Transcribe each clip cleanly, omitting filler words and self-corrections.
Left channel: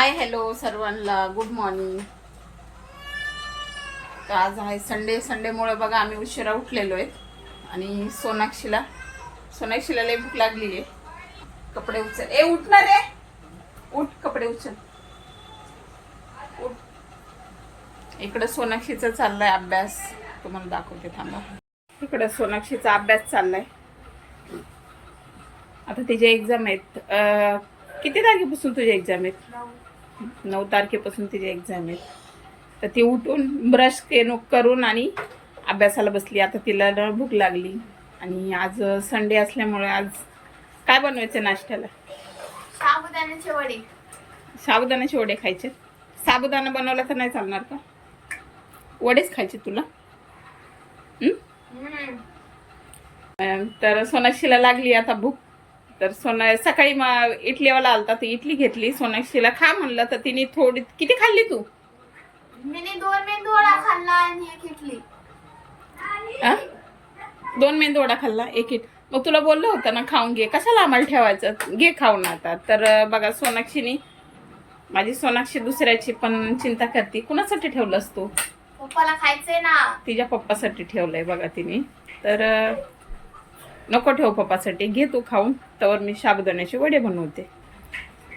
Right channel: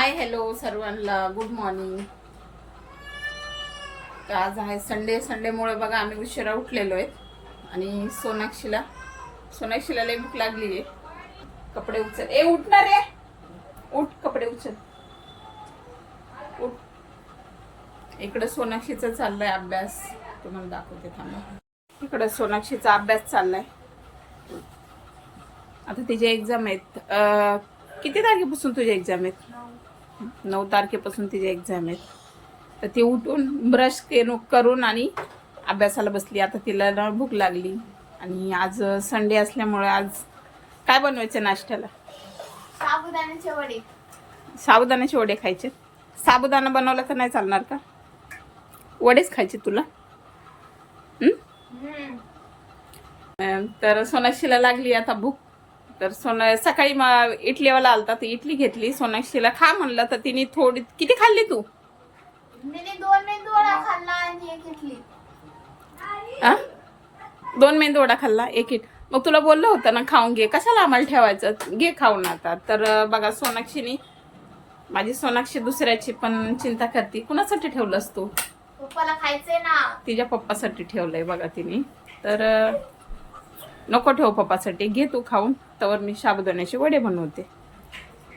Hi hello सर्वांना good morning. तर आज आहे संडेमुळे बघा आम्ही उशिरा उठलेलो आहे आणि सोनाक्षीला लई भूक लागली आहे. कपडे उचल, उठ ना रे, उठ कपडे उचल, उठ. इकडे सोनाक्षीचा चाललाय अभ्यास, तुम्हाला दाखवते थांबा. इकडे सोनाक्षीचा अभ्यास चाललाय. आता तिचे एक्झाम आहेत. किती तारखेपासून तुझे एक्झाम आहेत? 9 तारखेपासून तिचे एक्झाम आहेत. तर ती उठून ब्रश करून आणि अभ्यासाला बसली. आता तिला ना भूक लागली आणि आज संडे असल्यामुळे आज काय बनवायचं नाश्त्याला? साबुदाण्याचे वडे. साबुदाण्याचे वडे खायचे. साबुदाणा बनवला तर नाही चालणार का? वडेच खायचे तुला? तर सोनाक्षीला लागली आता भूक. तर सकाळी इडलीवाला आलता, तर इडली घेतली. सोनाक्षीला खा म्हणलं तर तिने थोडी, किती खाल्ली तू? मी 2 मेंदू वडा खाल्ला आणि एक इडली. 2 मेंदू वडा खाल्ला, एक इट. मग तुला बोललं होतं ना खाऊन घे, कशाला आम्हाला ठेवायचं, घे खाऊन आता. तर बघा सोनाक्षीने, माझी सोनाक्षी दुसऱ्याची पण चिंता करते. कुणासाठी ठेवलंस तू? पप्पाला खायचंय ना. तिच्या पप्पासाठी ठेवलंय बघा तिने. तर नको ठेव पप्पासाठी, घे तू खाऊन. तर मी साबुदाण्याचे वडे बनवते.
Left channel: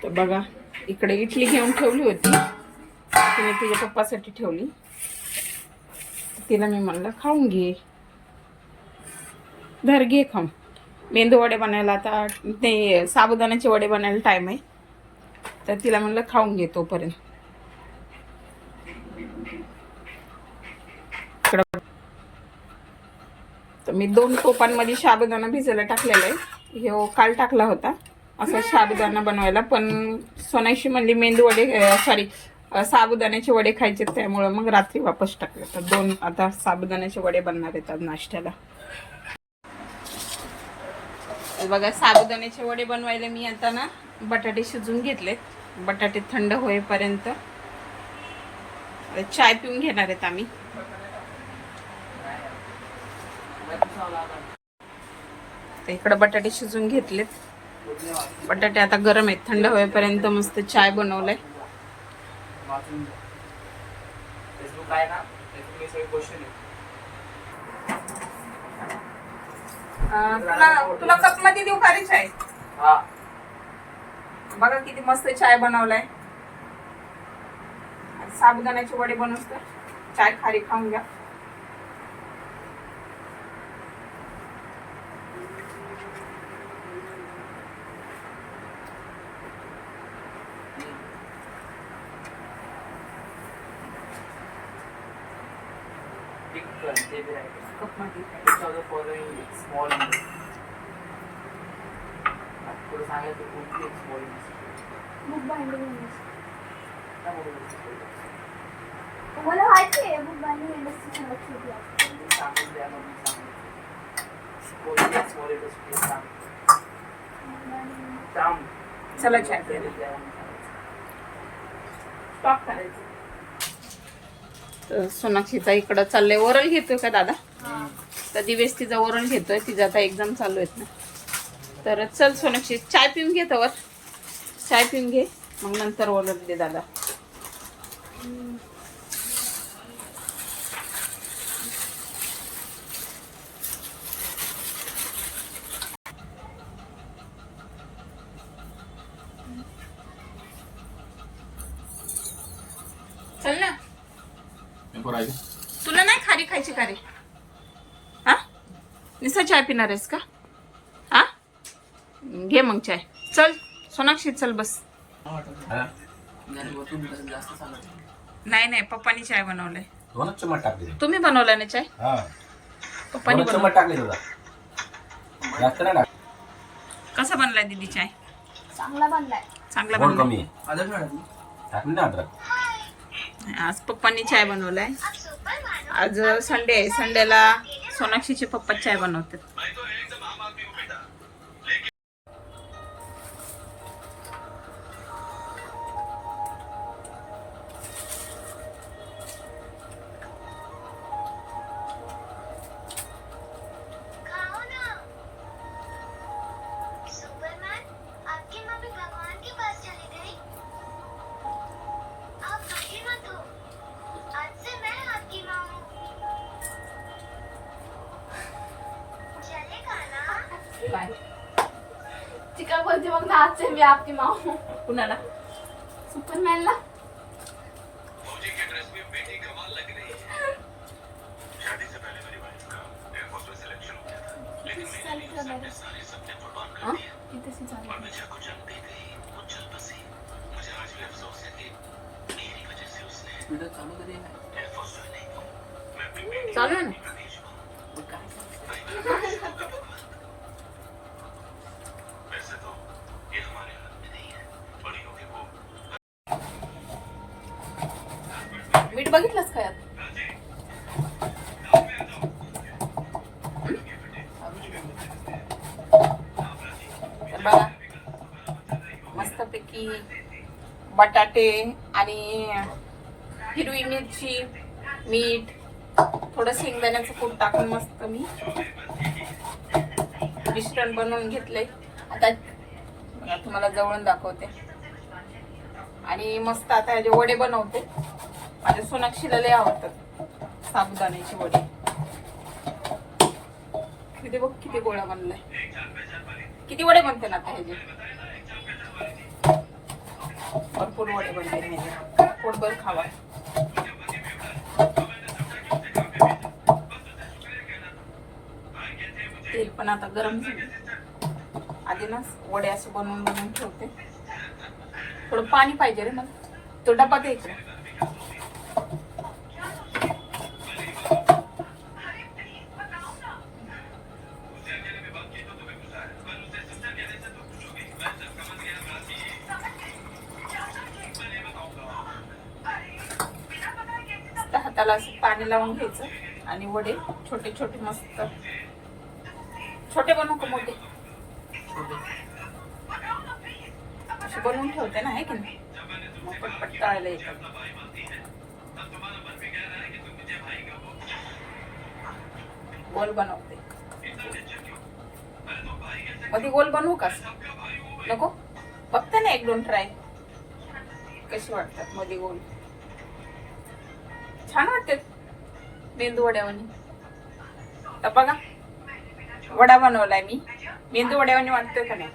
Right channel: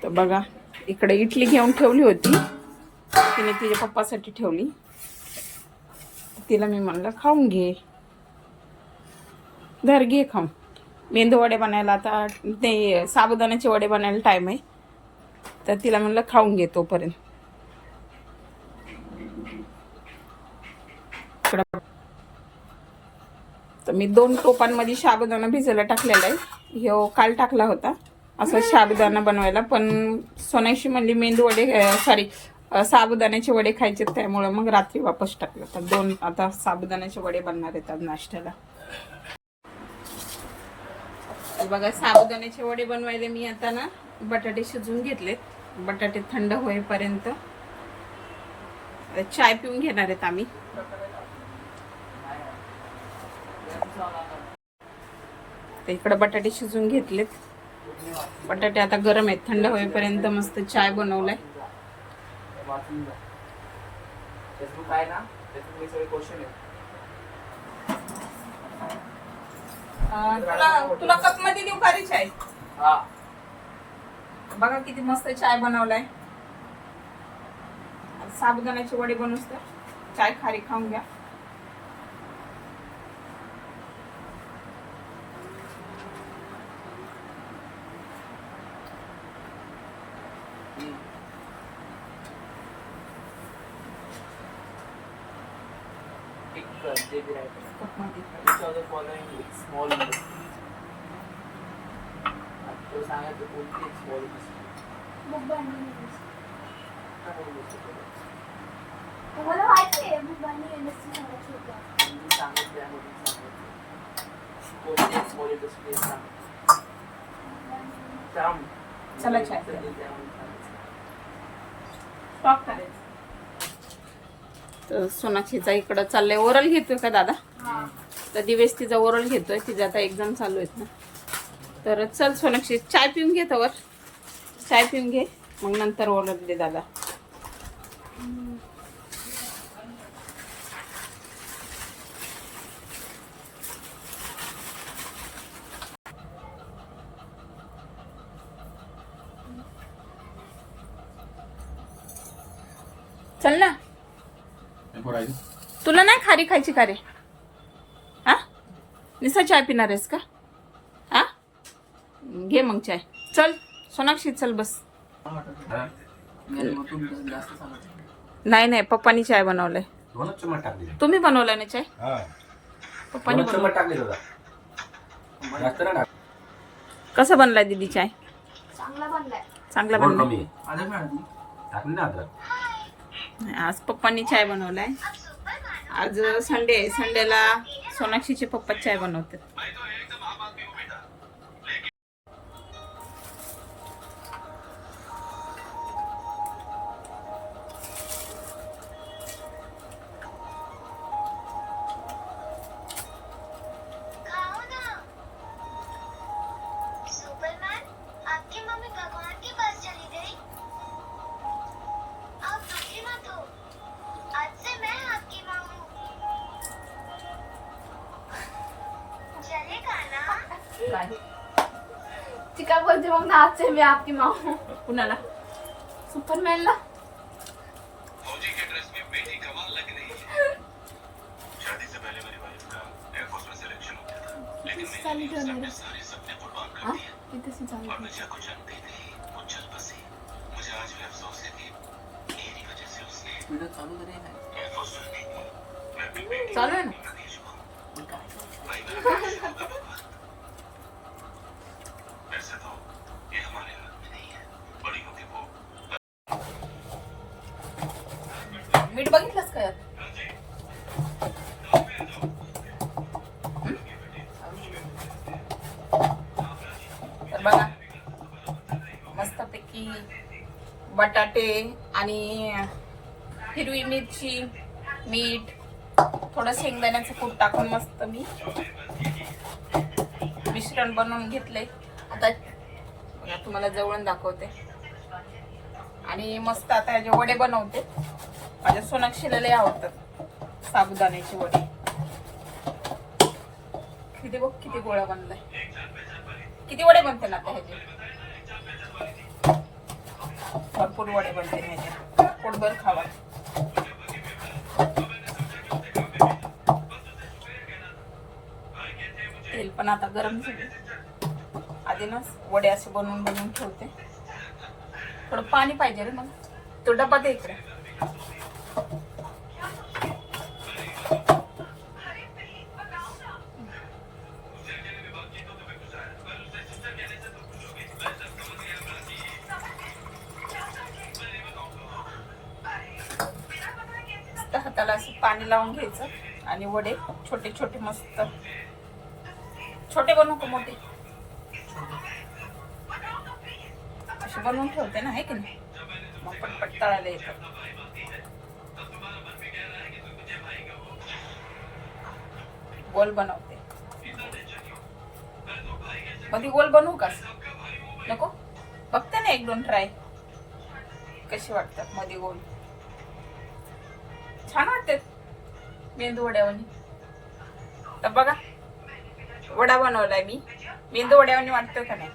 तर बघा इकडे इडली घेऊन ठेवली होती, तिने तिच्या पप्पासाठी ठेवली. तिला मी म्हणलं खाऊन घे, धर घे खाऊन. मेंदू वडे बनायला आता ते साबुदाण्याचे वडे बनायला टाईम आहे, तर तिला म्हणलं खाऊन घे तोपर्यंत. तर मी 2 टोपांमध्ये साबुदाणा भिजायला टाकलेला आहे. हे काल टाकला होता असं साबुदाणा बनवायला, पण सोनाक्षी म्हणली मेंदू वडे साबुदाण्याचे वडे खायचे, त्यामुळं मग रात्री वापस टाकले. तर 2 आता साबुदाण्याचे वडे बनणार आहेत आज नाश्त्याला. तर बघा साबुदाण्याचे वडे बनवायला मी आता ना बटाटे शिजून घेतले. बटाटे थंड होईपर्यंत चाय पिऊन घेणार आहेत आम्ही. तर इकडं बटाटे शिजून घेतलेत. बटाटे आता गरम आहेत, थंड होईपर्यंत मस्त चाय बनवलाय. तुला कप मध्ये देऊ का रे चाय? बघा किती मस्त चाय बनवलाय. साबुदाण्याचे वडे बनवूस तर चाय खारी खाऊन घ्या. तुम्हाला माहिती आहे बुक बांधली चला चाय स्टॉप करायचं. तर सोनाक्षीचा इकडं चाललंय, ओरल घेतोय का दादा? तर दिवेश तिचा ओरल घेतोय, तिचा आता एक्झाम चालू आहेत ना. तर चल सोनाक्षी चाय पिऊन घे, तवर चाय पिऊन घे, मग नंतर ओरल दे दादा. चल ना, तुला नाही खारी खायची का रे? हा, निसा चाय पिणार आहेस का? हा, घे मग चाय. चल सोनाक्षी चल बस. नाही पप्पानी चाय बनवलाय. तुम्ही बनवलाय ना चाय? पप्पानी बनवलाय. कसा बनलाय दीदी चाय? चांगला बनलाय. चांगला बनलाय. आज पप्पांनी चाय बनवलाय. आज संडे आहे, संडेला सोनाक्षीचे पप्पा चाय बनवतात. बोलते मग नाचते मी आपकी माँ कुणाला? सुपरमॅनला. चालू ठेव मॅडम. हा? इथेच चालू ठेव. चालू आहे ना. मीठ बघितलंस का यात? तर बघा मस्तपैकी बटाटे आणि हिरवी मिरची, मीठ, थोडं शेंगदाण्याचं कूट टाकून मस्त मी मिश्रण बनवून घेतलंय. आता बघा तुम्हाला जवळून दाखवते. आणि मस्त आता ह्याचे वडे बनवते. माझ्या सोनाक्षीला लय आवडतात साबुदाण्याचे वडे. किती बघ किती गोळा बनलाय. किती वडे बनते ना आता ह्याचे? भरपूर वडे बनते ह्याचे. पोटभर खावा. तेल पण आता गरम झालं. आधी ना वडे असे बनवून बनवून ठेवते. थोडं पाणी पाहिजे रे मला. तो डबा दे इकडे. हाताला असं पाणी लावून घ्यायचं आणि वडे छोटे छोटे मस्त छोटे बनवू का मोठे असे बनवून ठेवते ना, आहे की नाही? मग पटपट तळायला येतात. गोल बनवते. मध्ये गोल बनवू का? नको? बघते ना एक दोन ट्राय कसे वाटतात मध्ये गोल. छान वाटते मेंदू वड्यावानी. तर बघा वडा बनवलाय मी. मेंदू वड्यावानी वाटतोय का नाही?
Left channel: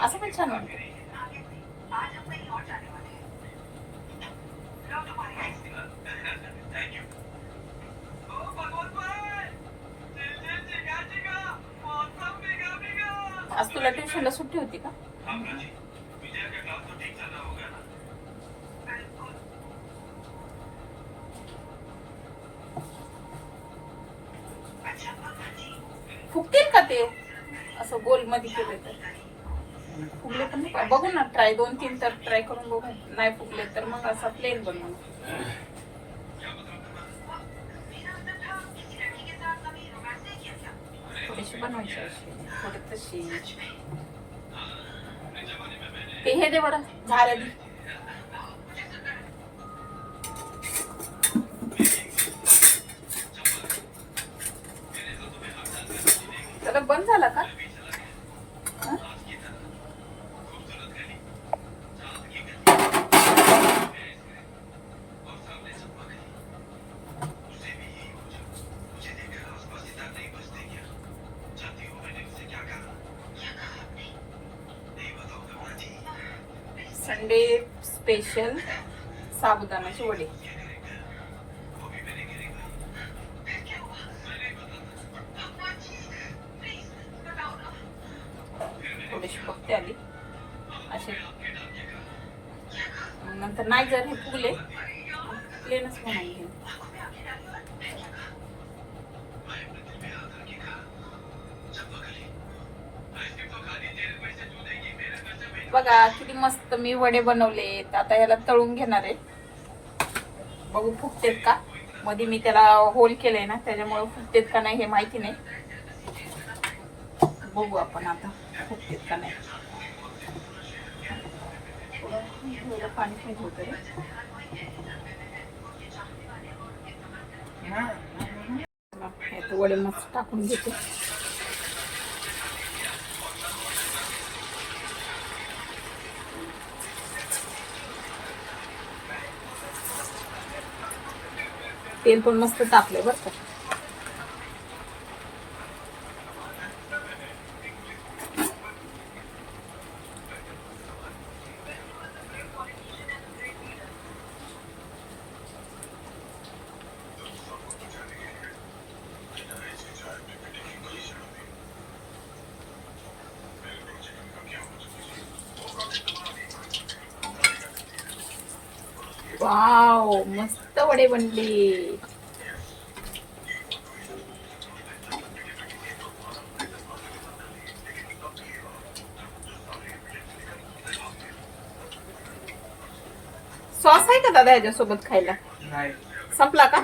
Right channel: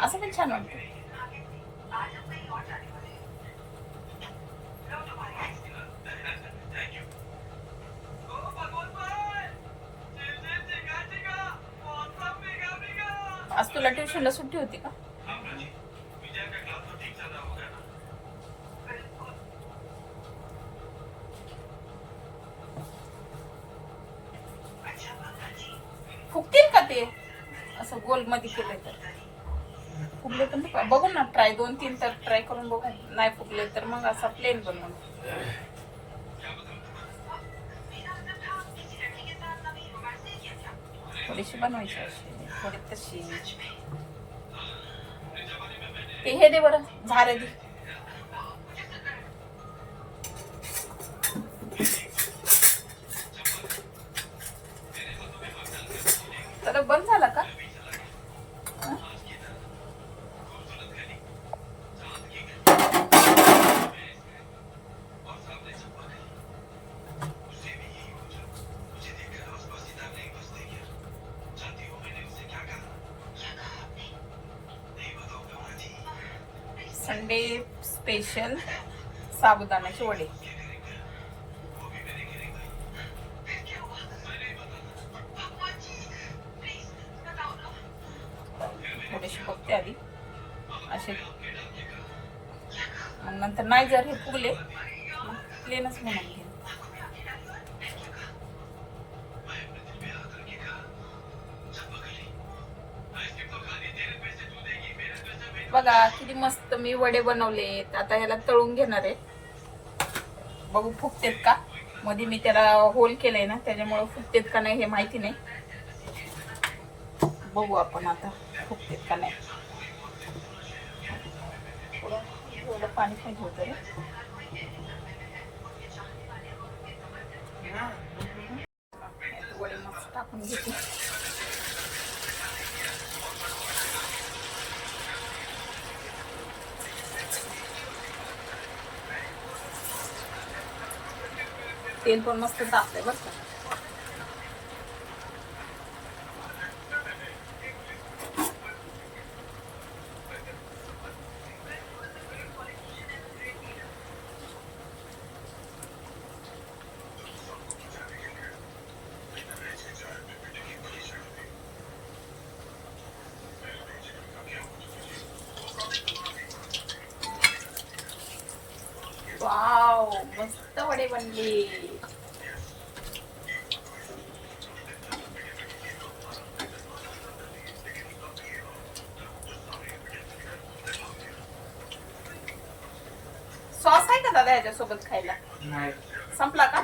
असं पण छान वाटतं. आज तुला ट्युशनला सुट्टी होती का? फुगतील का ते असं गोल मध्ये केले तर? फुगले तर नाही बघू ना. ट्राय 2-3 तर ट्राय करून बघू. नाही फुगले तर मग असा प्लेन बनवून थोडीशी बनवायची अशी थोडी तशी. ते हे दे बरं झाऱ्या दे. तर बंद झाला का? संडे स्पेशल साबुदाण्याचे वडे. थोडेसे बघते आधी असे. मग नंतर नाही जर हे फुगले प्लेनच म्हणून घेऊ. बघा किती मस्त मी वडे बनवले. आता ह्याला तळून घेणार आहे. बघू फुगतेत का. मध्ये मी त्याला होल केलंय ना त्याच्यामुळे फुगतेत का नाही हे माहिती नाही. बघू आपण आता फुगतेत का नाही. थोडं पाणी पाहिजे होतं रे. वडे मस्त टाकून घेते. तेल पण मस्त टाकलंय बरं का. वाव मस्त वडे बनले. सॉस आहे का दादा याच्यासोबत खायला? नाही. संपला का?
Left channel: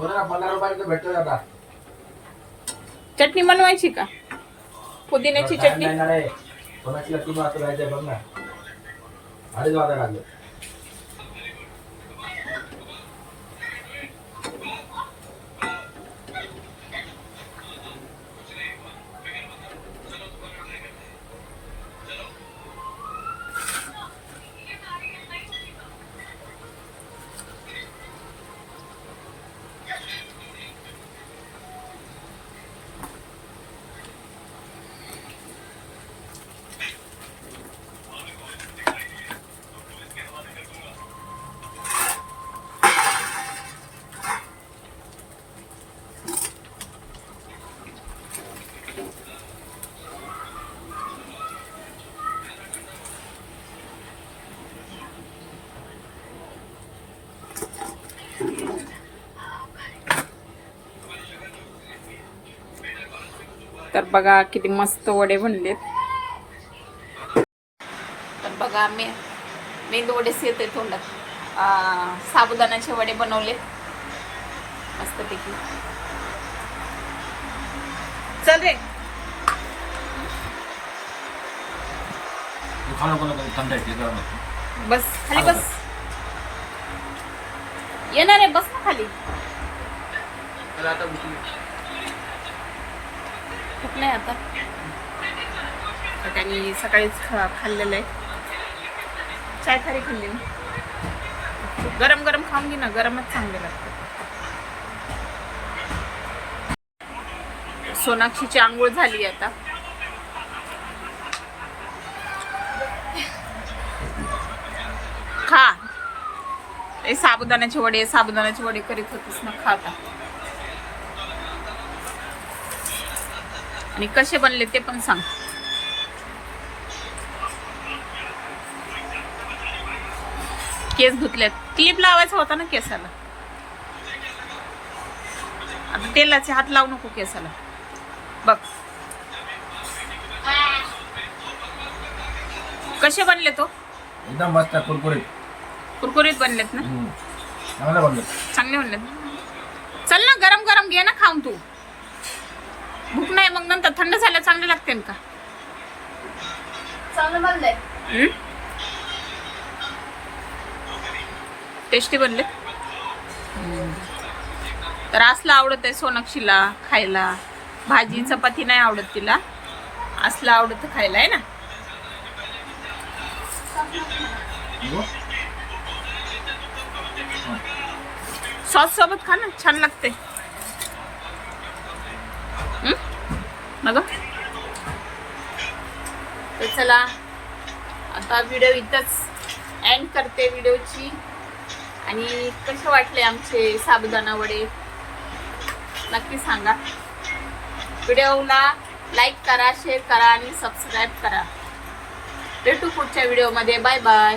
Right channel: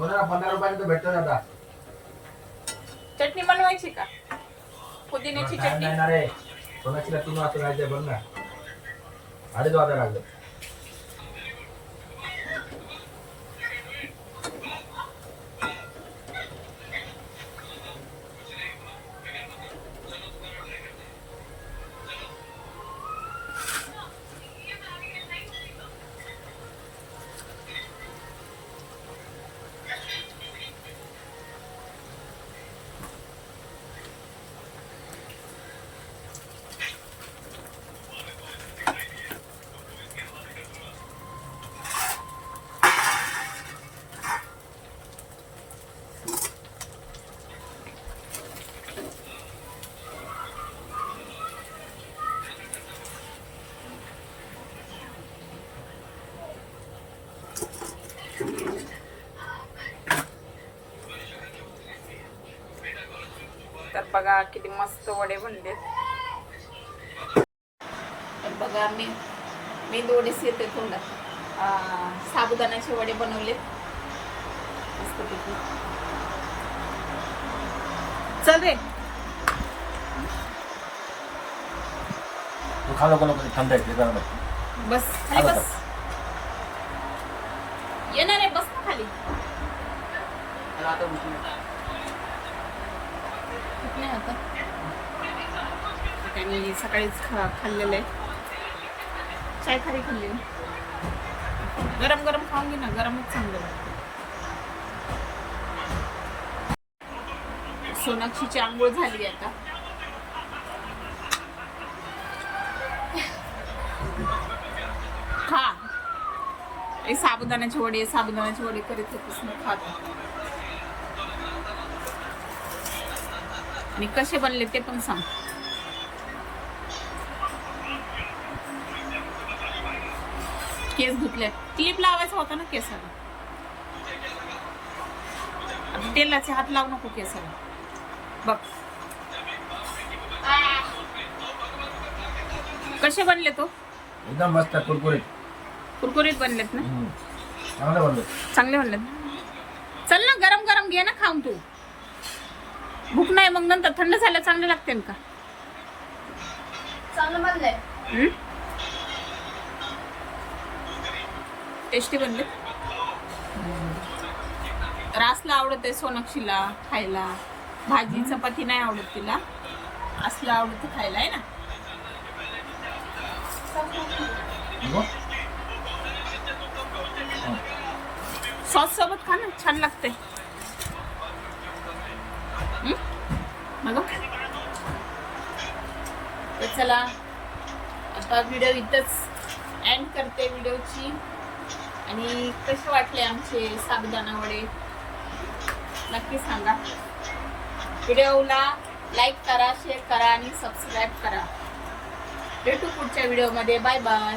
15 रुपयाला भेटतो दादा. चटणी बनवायची का? पुदिन्याची चटणी. नाही ना रे. कोणाचीला 3 वाजता जायचंय बघ ना. 2:30 वाजता लागले. तर बघा किती मस्त वडे बनलेत. तर बघा मेंदू वडेच येते तोंडात. साबुदाण्याचे वडे बनवलेत मस्तपैकी. चल रे तू खा नको थंड आहे ते. बस खाली बस. येणार आहे बस ना खाली. मला आता उठली. खूप नाही आता. त्यांनी सकाळीच खाल्लेलं आहे. चाय खारी खाल्ली ना. गरम गरम खाऊन घे ना. गरमच चांगले लागते. सोनाक्षीची आंघोळ झाली आता. खा. ए साबुदाण्याचे वडे करीत होतीस ना. खा आता. आणि कसे बनले ते पण सांग. केस धुतल्यात. क्लिप लावायचा होता ना केसाला. आता तेलाचे हात लावू नको केसाला. बघ कसे बनले तो. एकदम मस्त कुरकुरीत कुरकुरीत बनलेत ना. चांगलं बनलं. चांगले बनलेत. चल ना गरम गरम घे ना खाऊन तू. भूक नाही मग नंतर थंड झाल्या चांगले लागते का. चांगलं बनलंय. टेस्टी बनले. तर असलं आवडत आहे सोनाक्षीला खायला. भाजी चपाती नाही आवडत तिला. असलं आवडत खायला आहे ना. सॉस सोबत खा ना. छान लागते. मग तर चला आता व्हिडिओ इथंच एंड करते व्हिडिओची. आणि कसे वाटले आमचे साबुदाणा वडे नक्की सांगा. व्हिडिओला लाईक करा, शेअर करा आणि सबस्क्राईब करा. भेटू पुढच्या व्हिडिओमध्ये. Bye bye.